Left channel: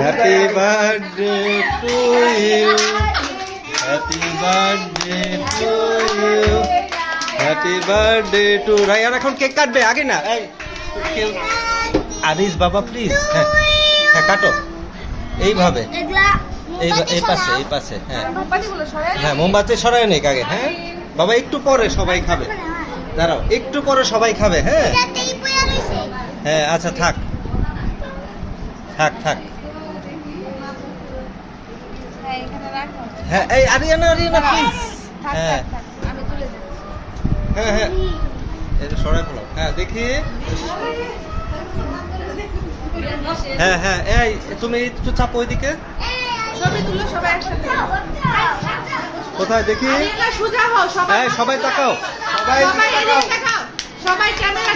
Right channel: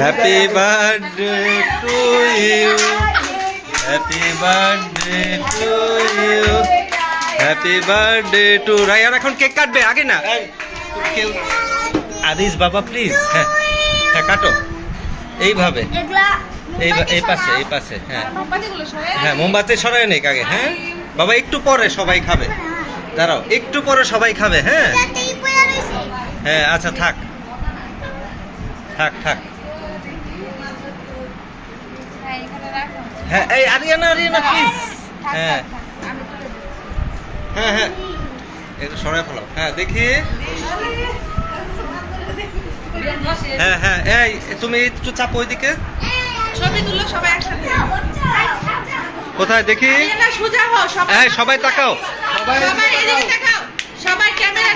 Happy birthday to you, happy birthday to you, happy birthday to Ryan. এখন cake কাটবে, আগে না আদিস বাবা প্লিজ। হ্যাঁ হ্যাঁ কাটো এইভাবে, এই পাশে এই পাশে। হ্যাঁ হ্যাঁ মোমবাতি সরাই নেই আগে। হ্যাঁ বাবা একটু পরে সবাই খাবে, দাঁড়াও একটু পরে সবাই খাবে। হ্যাঁ হ্যাঁ আচ্ছা থাক থাক থাক। হ্যাঁ এই আরিয়ানা আরিয়ানা প্লিজ। হ্যাঁ হ্যাঁ হ্যাঁ একটু সরাই ফেলাও। হ্যাঁ দেখি। হ্যাঁ হ্যাঁ এই তুমি একটু চাপো ওইদিকে। কোথায় দেখি? এই সবাই তাকাও। সবাই ক্যামেরা